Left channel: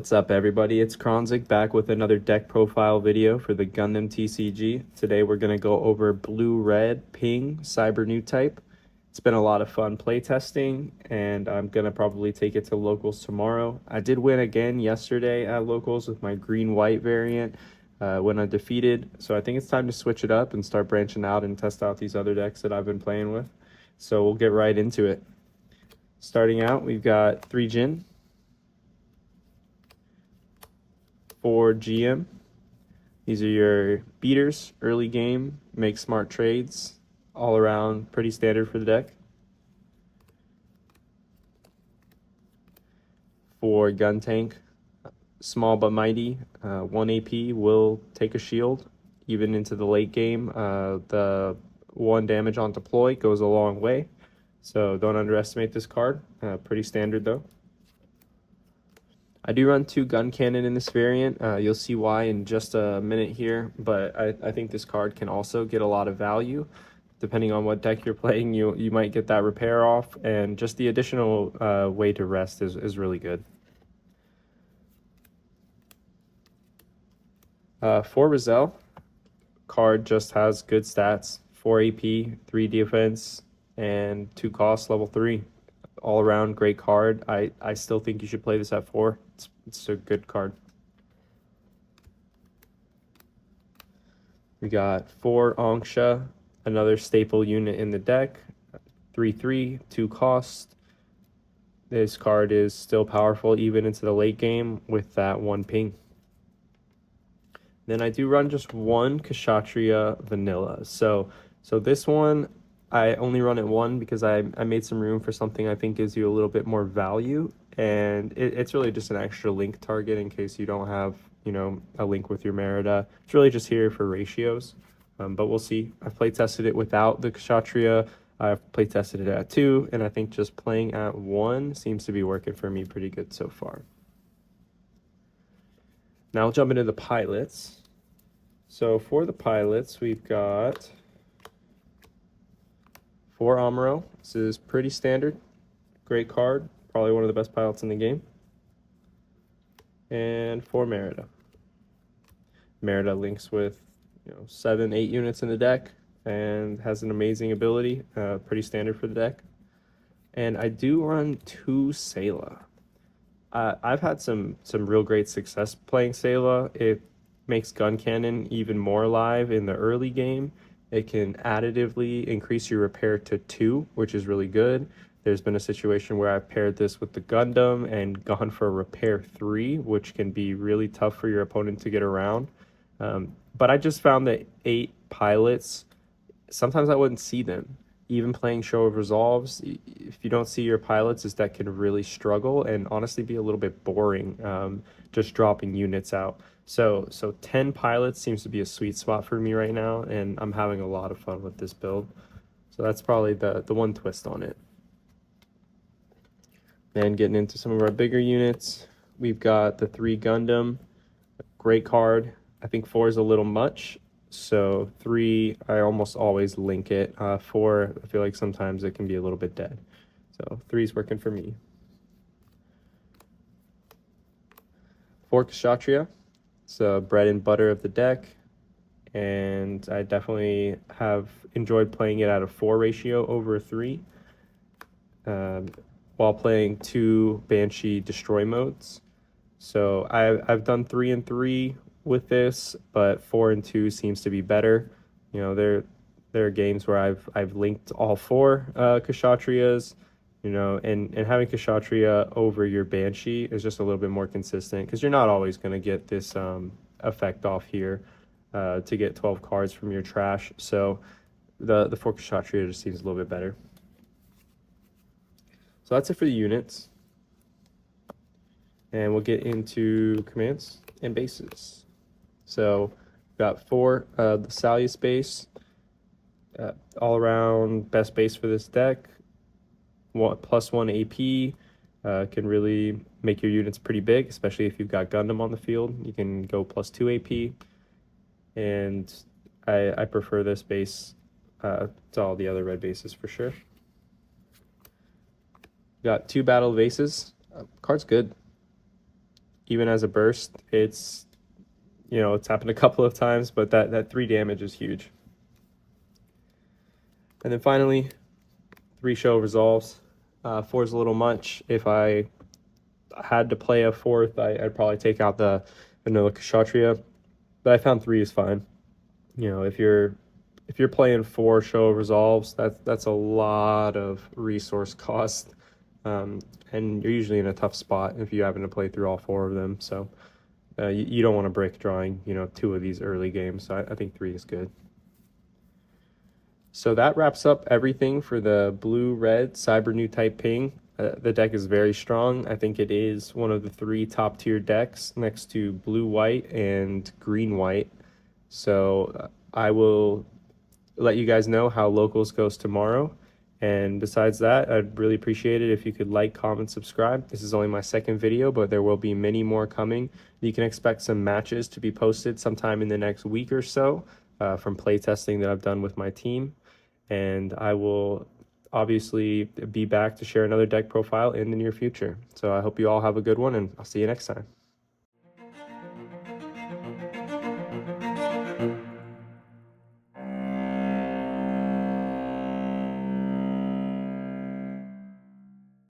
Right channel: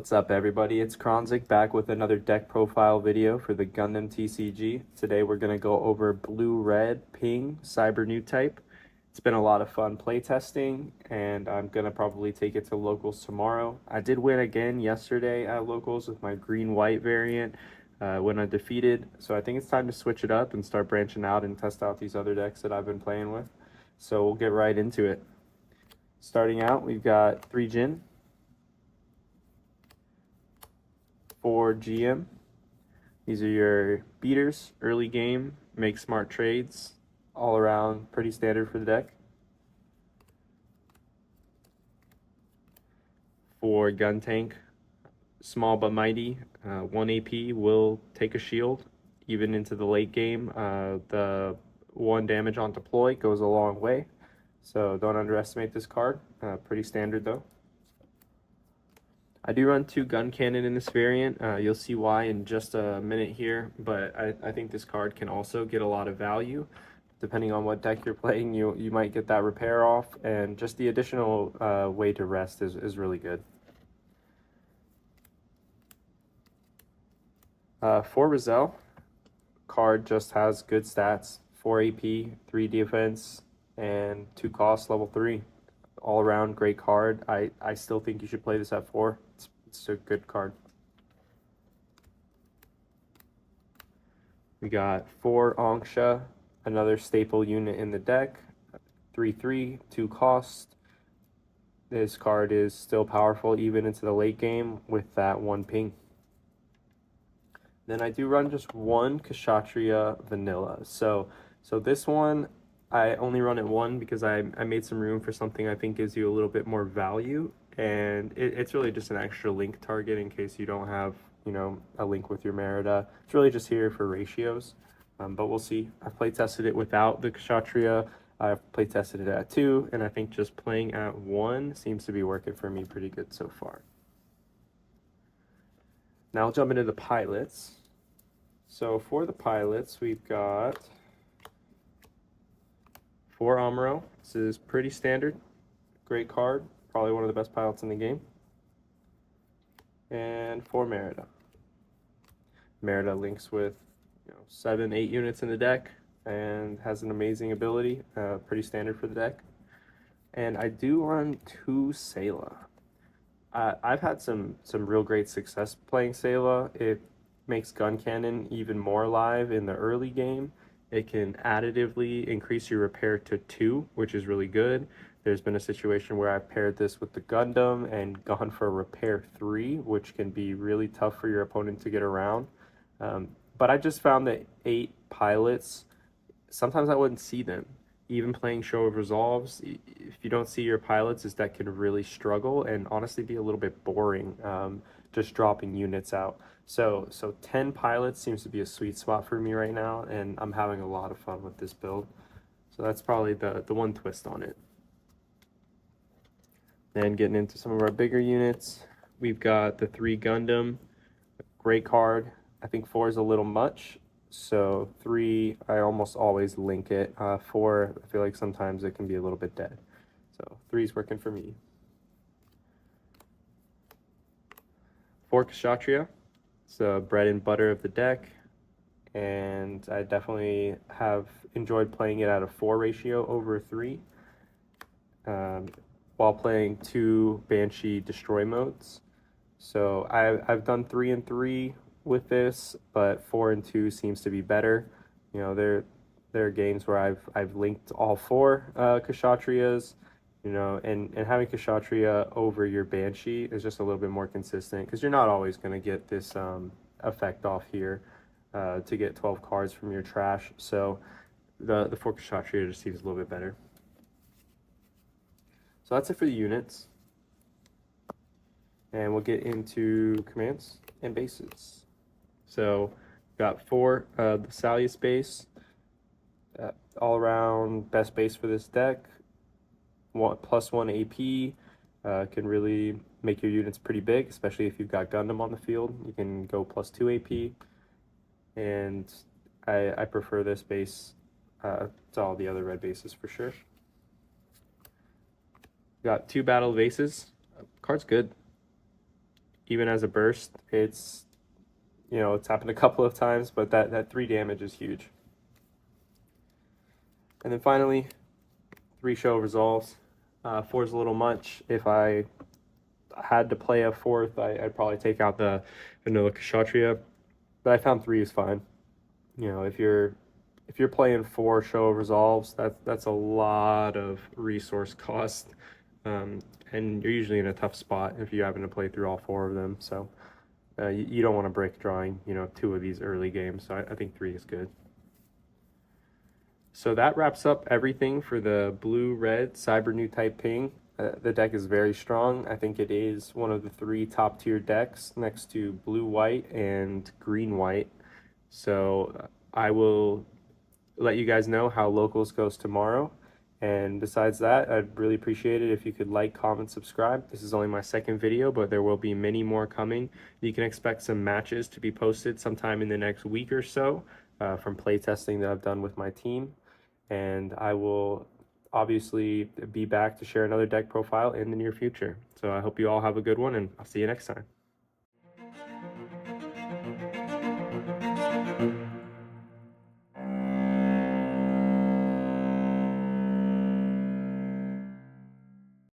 What's up, everybody? It's Kronzik back with another deck profile video for the Gundam TCG. Today we're going to go over Blue Red Cyber Newtype. It's been a lot of fun playtesting, and I'm going to probably take it to locals tomorrow. I did win again yesterday at locals with my green-white variant, went undefeated, so I think it's time to switch it up and start branching out and test out these other decks that I've been playing with. So we'll get right into it. Starting out, we've got 3 Jin, 4 GM. These are your beaters, early game, make smart trades, all around pretty standard for the deck. 4 gun tank, small but mighty, 1 AP, will take a shield even into the late game. The 1 damage on deploy goes a long way, so don't underestimate this card. Pretty standard though. I do run 2 gun cannon in this variant. You'll see why in just a minute here, but I think this card can also get a lot of value. Depending on what deck you're playing, you might get that repair off, and just the additional way to rest is really good. 4 Rizal, card just has good stats, 4 AP, 3 defense, and 2 cost, level 3. All around great card. I still think you should play this at 4. It's a good card. We got 4 Angsha, another staple unit in the deck. 3/3, 2 cost. This card is still powerful even into the late game with that 1 ping. Then I do run just 1 Kshatriya vanilla. So this one, I only run it 1 because I made some room for something I think gives you a little bit more value, and it's really just an extra link target in case you don't have, you know, a link with your Merida. It's really just here for ratios, but we'll see. I've play tested it without the Kshatriya. I've play tested it at 2, and I think just playing at 1 seems to be working for me pretty good so far. Now I'll jump into the pilots. So for the pilots, we've got 4 Amuro. This is pretty standard. Great card. Probably one of the best pilots in the game. And 4 Merida. Merida links with 7, 8 units in the deck and has an amazing ability. Pretty standard for the deck. And I do run 2 Sayla. I've had some real great success playing Sayla. It makes gun cannon even more alive in the early game. It can additively increase your repair to 2, which is really good. There's been a situation where I've paired this with the Gundam and gone for repair 3, which can be really tough for your opponent to get around. But I just found that 8 pilots, sometimes I wouldn't see them. Even playing Show of Resolves, if you don't see your pilots, this deck can really struggle and honestly be a little bit boring, just dropping units out. So 10 pilots seems to be a sweet spot for me right now, and I'm having a lot of fun with this build. So that's probably the one twist on it. Then getting into some of our bigger units, we've got the 3 Gundam, great card. I think 4 is a little much, so 3, I almost always link it. 4, I feel like sometimes it can be a little bit dead. So 3 is working for me. 4 Kshatriya. It's bread and butter of the deck, and I definitely have enjoyed playing it at a 4 ratio over a 3, while playing 2 Banshee destroy modes. So I've done 3 and 3 with this, but 4 and 2 seems to be better. You know, there are games where I've linked all 4 Kshatriyas. You know, and having Kshatriya over your Banshee is just a little bit more consistent because you're not always going to get this effect off here to get 12 cards from your trash. So the 4 Kshatriya just seems a little bit better. So that's it for the units. And we'll get into commands and bases. So we've got 4 the Salius base, all around best base for this deck. +1 AP can really make your units pretty big, especially if you've got Gundam on the field. You can go +2 AP, and I prefer this base to all the other red bases for sure. Got 2 Battle of Aces. Card's good. even as a burst, it's, you know, it's happened a couple of times, but that 3 damage is huge. And then finally, 3 show resolves. 4 is a little much. If I had to play a 4th, I'd probably take out the vanilla Kshatriya, but I found 3 is fine. You know, if you're playing 4 show resolves, that's a lot of resource cost, and you're usually in a tough spot if you happen to play through all 4 of them. So you don't want to break drawing, you know, 2 of these early games. So I think 3 is good. So that wraps up everything for the Blue Red Cyber Newtype ping. The deck is very strong. I think it is one of the 3 top tier decks next to Blue White and Green White. So I will let you guys know how locals goes tomorrow. And besides that, I'd really appreciate it if you could like, comment, subscribe. This is only my 2nd video, but there will be many more coming. You can expect some matches to be posted sometime in the next week or so from playtesting that I've done with my team. And I will obviously be back to share another deck profile in the near future. So I hope you all have a good one, and I'll see you next time.